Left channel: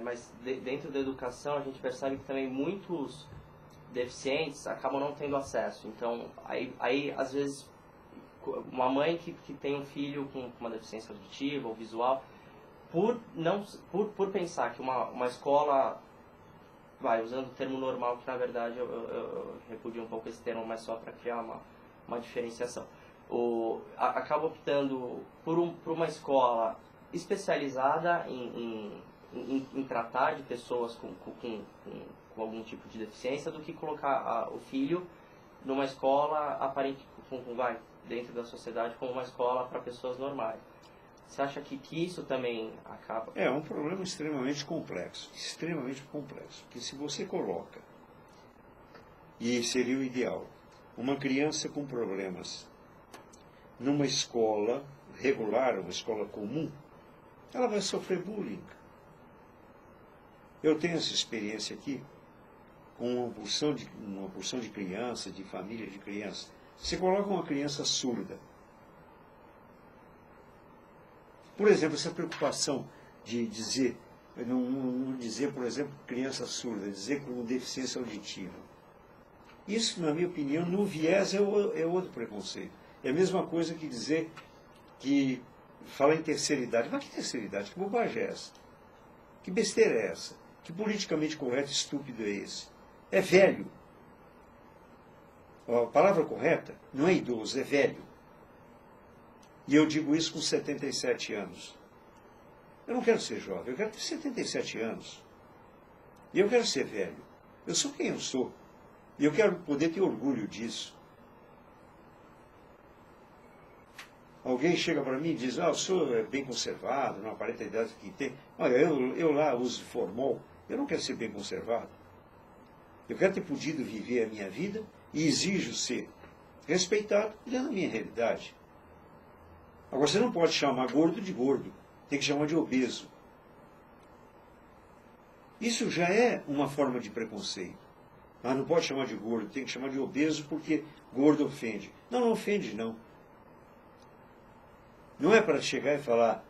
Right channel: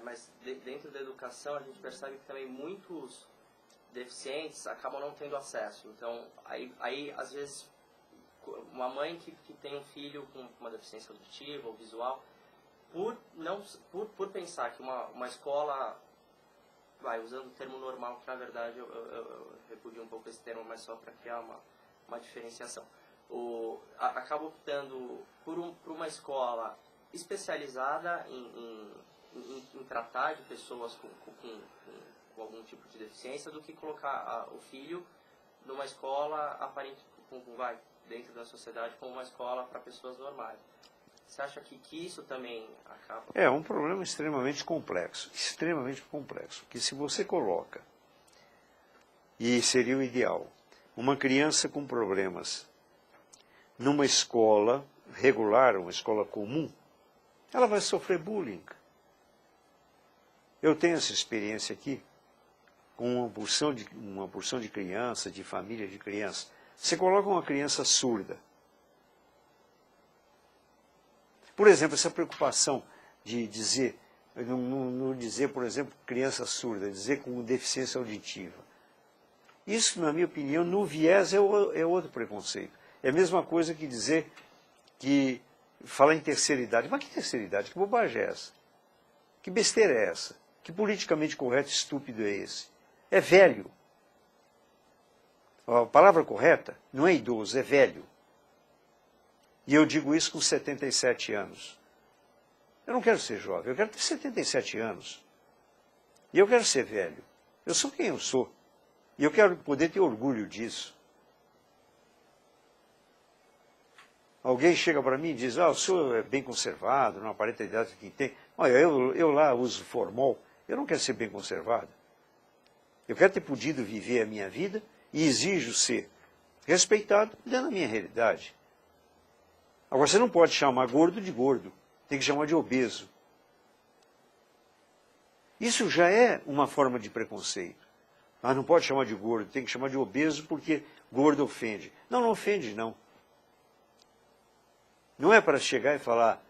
mas dentro da educação a gente percebe que também muitos deficientes acabam não tendo acesso. Então, aí às vezes, uma mãe que tem um filho com uma deficiência auditiva ou visual, por pensar que uma escola, usando o termo normal, que na verdade eu repudio um pouco esse termo, mas só para criar uma diferenciação, acaba optando por uma escola especializada em tratar de pessoas com algum tipo de deficiência, do que colocar o filho numa escola aparente, dentro da sociedade, como uma escola para pessoas normais. Você acha que isso também acaba? É um problema extremamente complexo, porque se você coloca, e seria o ideal, uma criança com problemas numa escola regular, uma escola comum, ela vai sofrer bullying. Eu tenho essa experiência aqui com uma porção de crianças, de família de crianças. Você coloca uma criança surda. Por exemplo, essa preocupação de dizer, não dizer, por exemplo, criança surda, dizer com deficiência auditiva. Isso, na minha opinião, no viés é outro preconceito. É a mesma coisa que dizer que falar em terceira idade. Mas que terceira idade? Que bobagem é essa? Que besteira é essa? Que politicamente correto e estúpido é esse? É velho. A palavra correta não é idoso, é velho. E eu digo isso com 77 anos. Eu não quero ser jovem, eu quero ter 77 anos. E eu quero ser velho. Eu sou quem eu sou. E eu quero poder ter orgulho disso. Alguém chega para mim e diz, o senhor é bem conservado, não aparenta a idade que tem. Olha, eu lá uso formol, eu não quero ser bem conservado. Eu quero ter podido viver a minha vida e exijo ser respeitado dentro da minha realidade. Agora, você não pode chamar gordo de gordo, tem que chamar de obeso. Isso já é uma forma de preconceito. Não pode chamar de gordo, tem que chamar de obeso porque gordo ofende. Não, não ofende, não. Não é para chegar e falar,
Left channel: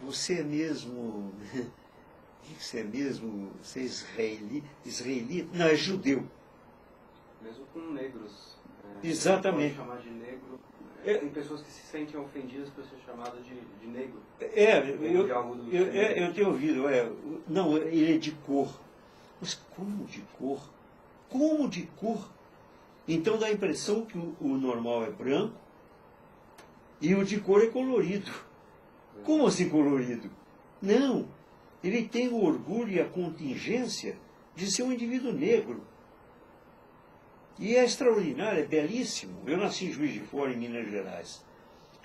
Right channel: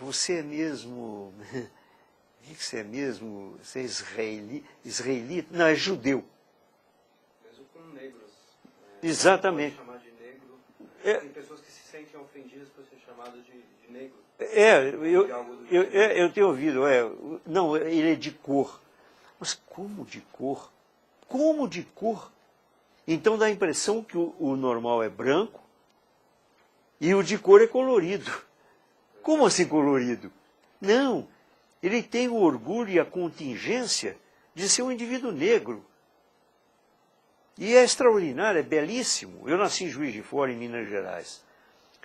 você é mesmo, o que você é mesmo? Você é israelita? Não, é judeu. Mesmo com negros. Exatamente. Chamar de negro. Tem pessoas que se sentem ofendidas por ser chamado de negro. Eu tenho ouvido, não, ele é de cor. Mas como de cor? Como de cor? Então dá a impressão que o normal é branco e o de cor é colorido. Como assim colorido? Não, ele tem o orgulho e a contingência de ser um indivíduo negro. E é extraordinário, é belíssimo. Eu nasci em Juiz de Fora, em Minas Gerais.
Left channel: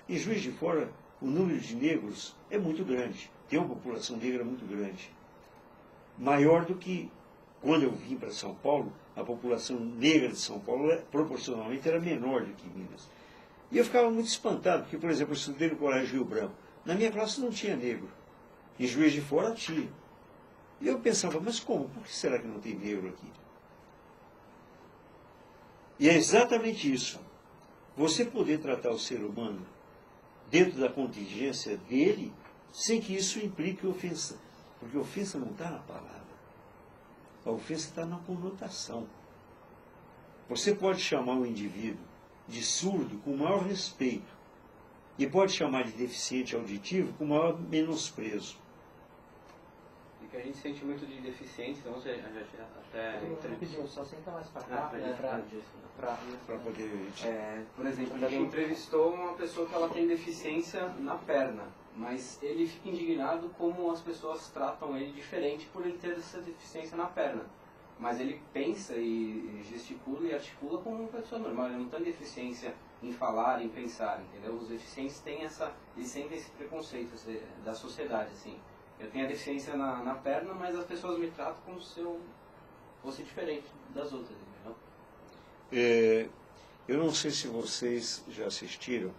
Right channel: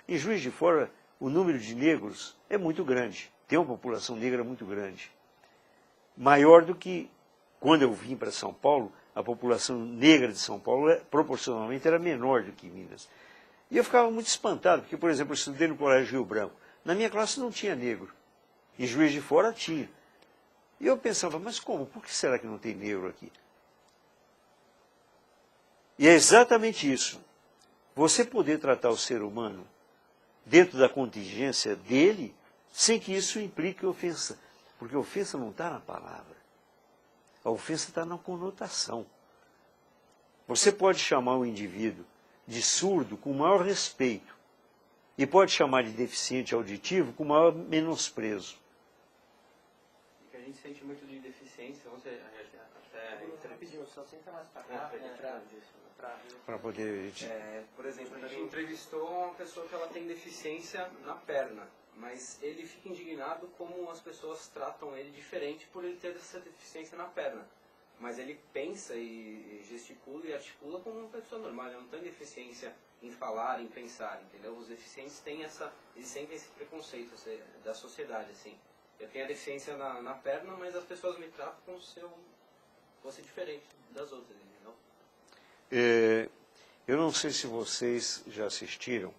Em Juiz de Fora, o número de negros é muito grande. Tem uma população negra muito grande. Maior do que quando eu vim para São Paulo, a população negra de São Paulo, proporcionalmente, era menor do que Minas. E eu ficava muito espantado, porque, por exemplo, eu estudei no Colégio Rio Branco. Na minha classe não tinha negro. Em Juiz de Fora tinha. E eu pensava, mas como? Por que será que não tem negro aqui? E é exatamente isso. Você poder tratar o ser humano dentro da contingência dele, sem que isso implique ofensa. Porque a ofensa não está na palavra. A ofensa está na conotação. Você pode chamar o indivíduo de surdo com o maior respeito. E pode chamar de deficiente auditivo com o maior menosprezo. E que a gente sente muito de deficiência, então a gente até... Rapidinho, só senta mais para cá, para poder... por exemplo, a gente entrevistou uma pessoa que ela tem deficiência na perna, mas ele fica indignado como as pessoas tratam ele diferente por ele ter essa deficiência na perna. Mas ele pensa e gesticula e articula como uma pessoa normal, ele não tem deficiência em falar, em pensar, entendeu? Os deficientes têm eles sentem esse preconceito da sociedade, assim. Eu tenho a deficiência na perna, mas as pessoas me tratam como se eu fosse diferente das outras, entendeu? Eu não sei se vocês já assistiram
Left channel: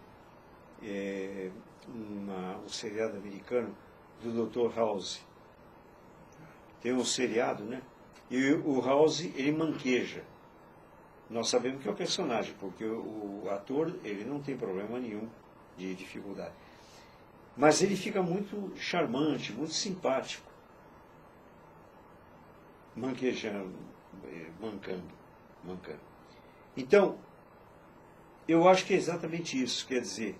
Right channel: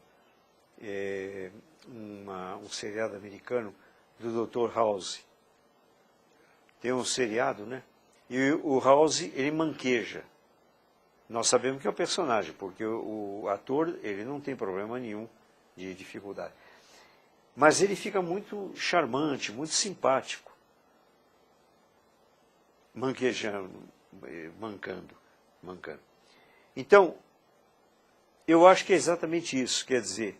um seriado americano do Dr. House. Tem um seriado, né? E o House, ele manqueja. Nós sabemos que é o personagem, porque o ator, ele não tem problema nenhum de dificuldade. mas ele fica muito charmante, muito simpático, manquejando, mancando. Então, eu acho que é exatamente isso, quer dizer,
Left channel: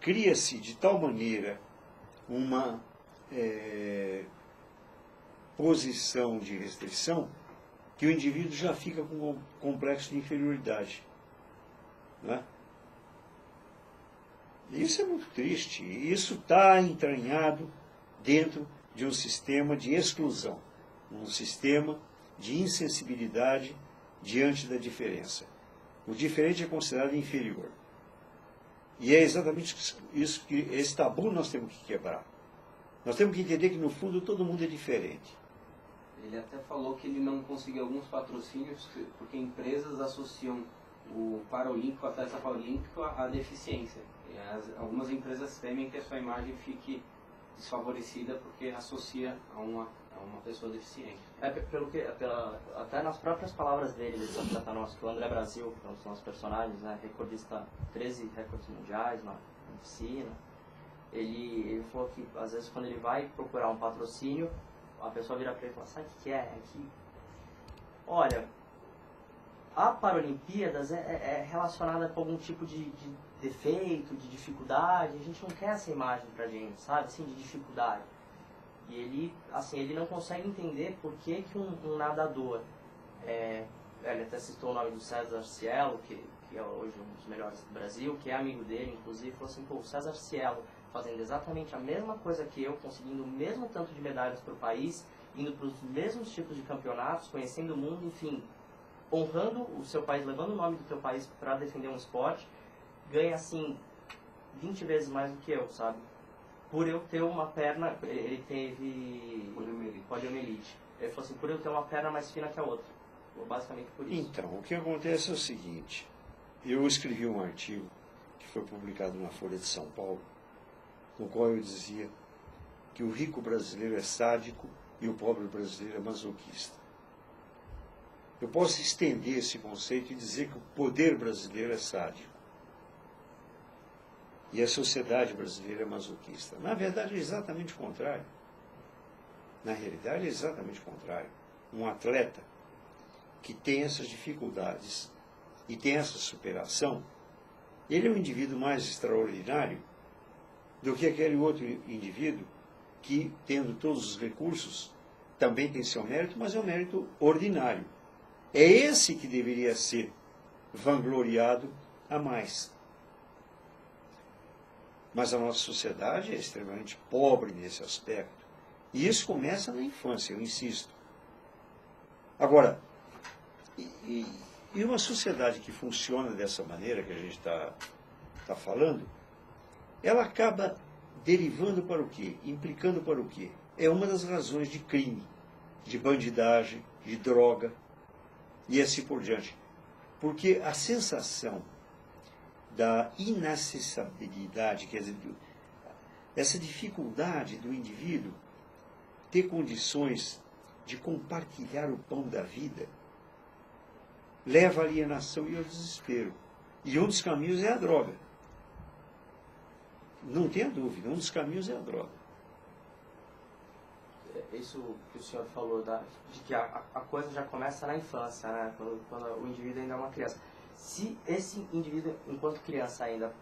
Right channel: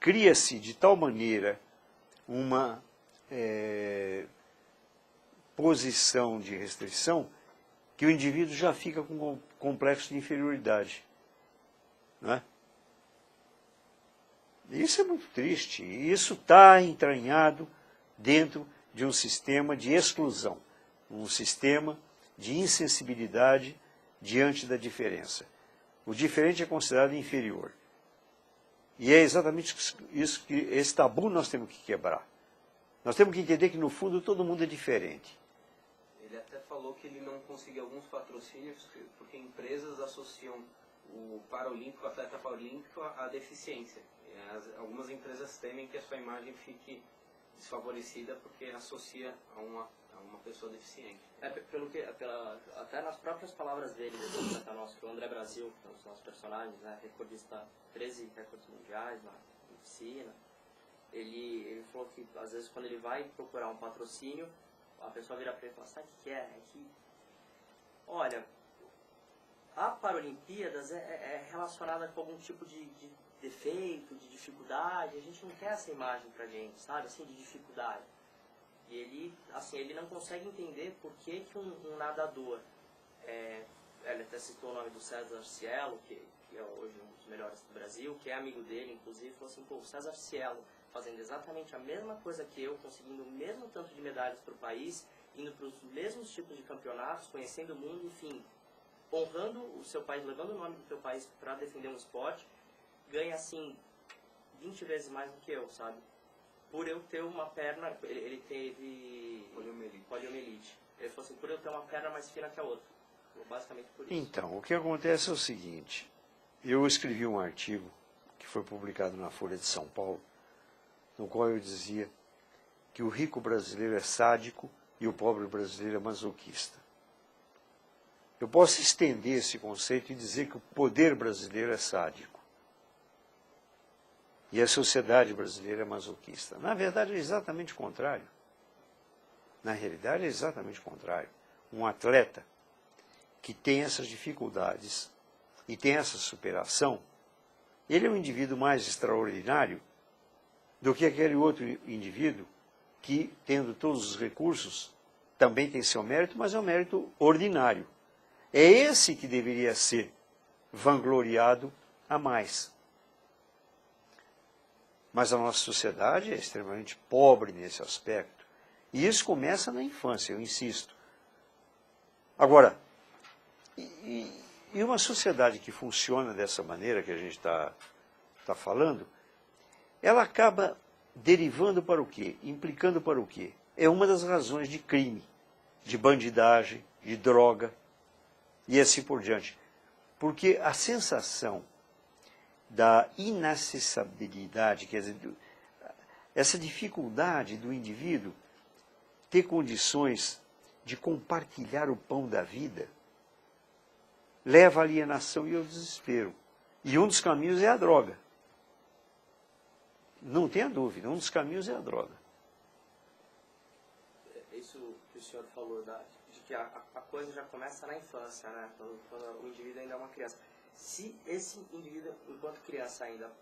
cria-se de tal maneira uma posição de restrição que o indivíduo já fica com um complexo de inferioridade. Não é? Isso é muito triste. E isso está entranhado dentro de um sistema de exclusão, um sistema de insensibilidade diante da diferença. O diferente é considerado inferior. E é exatamente isso que esse tabu nós temos que quebrar. Nós temos que entender que, no fundo, todo mundo é diferente. Ele até falou que ele não conseguiu alguns patrocínios porque empresas associam o paraolímpico, o atleta paralímpico, à deficiência. E algumas empresas temem que a sua imagem fique desfavorecida porque associa a uma pessoa deficiente. Até nas próprias palavras dele, desse atleta nosso, que o André Brasil, que é um dos nossos personagens, né, recordista, 13 recordes mundiais na piscina, ele falou que, às vezes, quando ele vai procurar um patrocínio, a pessoa vira para ele e fala, sabe o que é? É que, olha, a Paralimpíadas é relacionada com algum tipo de defeito, de dificuldade, a gente não quer essa imagem pra gente, sabe, assim, de dificuldade. E ele, assim, ele não consegue entender por que um nadador, ele até citou o nome do César Cielo, que é hoje um dos melhores do Brasil, que é amigo dele, inclusive, falou assim, pô, o César Cielo fazendo exatamente a mesma coisa que eu, conseguindo o mesmo tanto de medalhas para o país, indo para os mesmos tipos de campeonatos, conhecendo o mundo, enfim, honrando o seu país, levando o nome do teu país para defender um esporte, ganha, assim, 20 vezes mais do que eu, sabe? Por eu ter uma perna, ele teve poliomielite. Ele falou assim, por eu ter uma perna mais fina que a outra. Basicamente por isso. Então, o que acontece é o seguinte, eu escrevi um artigo que foi publicado na Folha de São Paulo, no qual eu dizia que o rico brasileiro é sádico e o pobre brasileiro é masoquista. Eu posso estender esse conceito e dizer que o poder brasileiro é sádico. E a sociedade brasileira é masoquista. Na verdade, é exatamente o contrário. Na realidade, é exatamente o contrário. Um atleta que tem essas dificuldades e tem essa superação, ele é um indivíduo mais extraordinário do que aquele outro indivíduo que, tendo todos os recursos, também tem seu mérito, mas é um mérito ordinário. É esse que deveria ser vangloriado a mais. Mas a nossa sociedade é extremamente pobre nesse aspecto. E isso começa na infância, eu insisto. Agora, e uma sociedade que funciona dessa maneira que a gente está falando, ela acaba derivando para o quê? Implicando para o quê? É uma das razões de crime, de bandidagem, de droga, e assim por diante. Porque a sensação da inacessibilidade, quer dizer, essa dificuldade do indivíduo ter condições de compartilhar o pão da vida, leva à alienação e ao desespero. E um dos caminhos é a droga. Não tenha dúvida, um dos caminhos é a droga. Isso que o senhor falou, de que a coisa já começa na infância, né? Quando o indivíduo ainda é uma criança. Se esse indivíduo, enquanto criança ainda,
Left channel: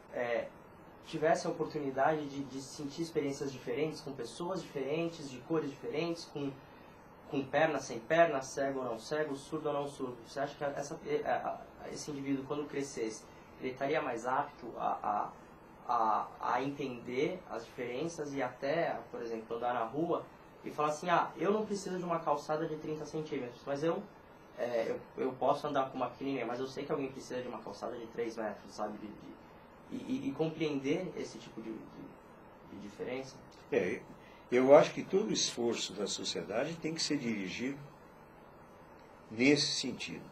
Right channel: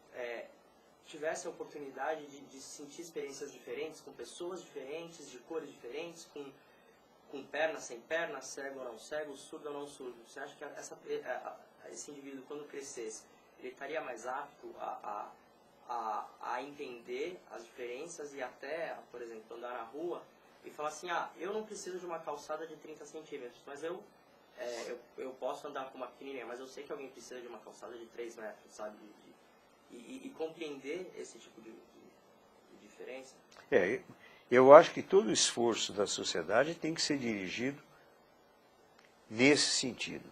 tivesse a oportunidade de sentir experiências diferentes, com pessoas diferentes, de cores diferentes, com perna, sem perna, cego ou não cego, surdo ou não surdo, você acha que esse indivíduo, quando crescesse, ele estaria mais apto a entender as diferenças e até, por exemplo, andar na rua e falar assim, eu não preciso de uma calçada de 30 centímetros, mas eu posso andar com uma pequenininha, mas eu sei que alguém precisa de uma calçada de 3 metros, sabe? E compreender esse tipo de diferença? Eu acho que todo o esforço da sociedade tem que ser dirigido nesse sentido.